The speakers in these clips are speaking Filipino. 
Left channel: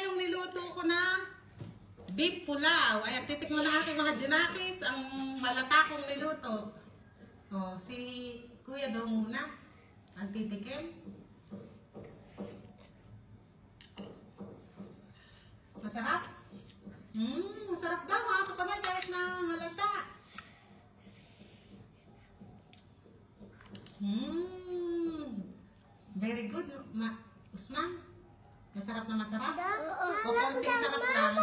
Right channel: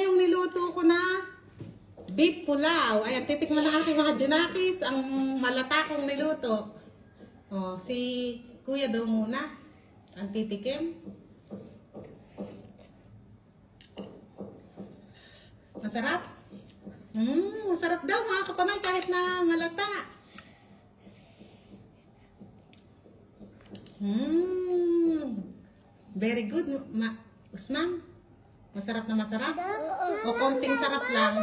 Yung niluto ko na beef pulaw. Ayan, titikman ng aking mga junakis ang malatakong niluto. Oh, si Kuya daw muna ang titikim. Masarap? Masarap daw mga kapamay kahit na malata. Very good, Usman. Masarap na masarap? O konting sarap lang?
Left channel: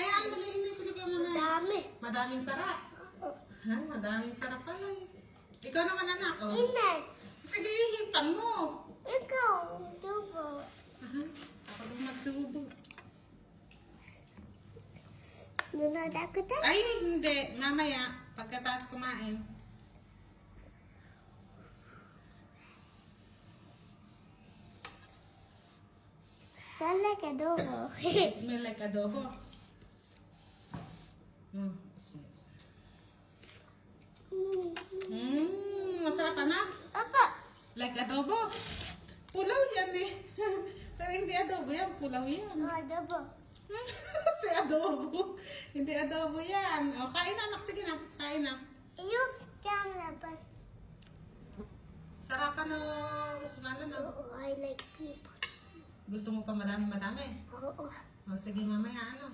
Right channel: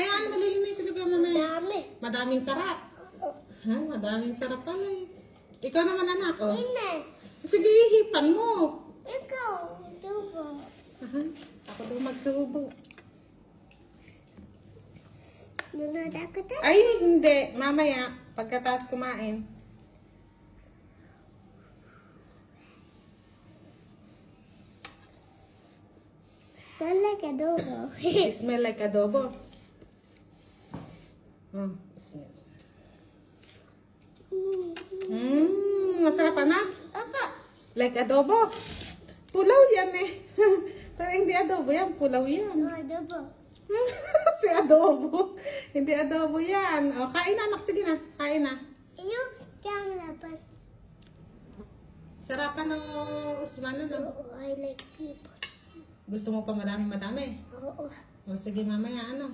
Hayaan, malilinis ulit yung mamaya. Madaming sarap. Ha, madaming sarap pala eh. Ikaw naman anak, oh. Hindi. Sige, hipan mo. Ikaw, dubo. Ako daw magsubo. Nunod ako tayo. Ay, hindi. Mamaya, pagkatapos kumain. Smell like adobo. It smell like adobo. Masarap anak. Apa? Like adobo. Pulaw yan eh. Pero hindi adobo yan. Pulaw yan. Adobo. Si adobo. Hindi adobo yan. O, kain na anak. Sige na. Kain na. Yung camera. Sarapan ng Usman na, no? I like people. Gusto mo pa madami-madami? Oo. O, sige mamaya, ano?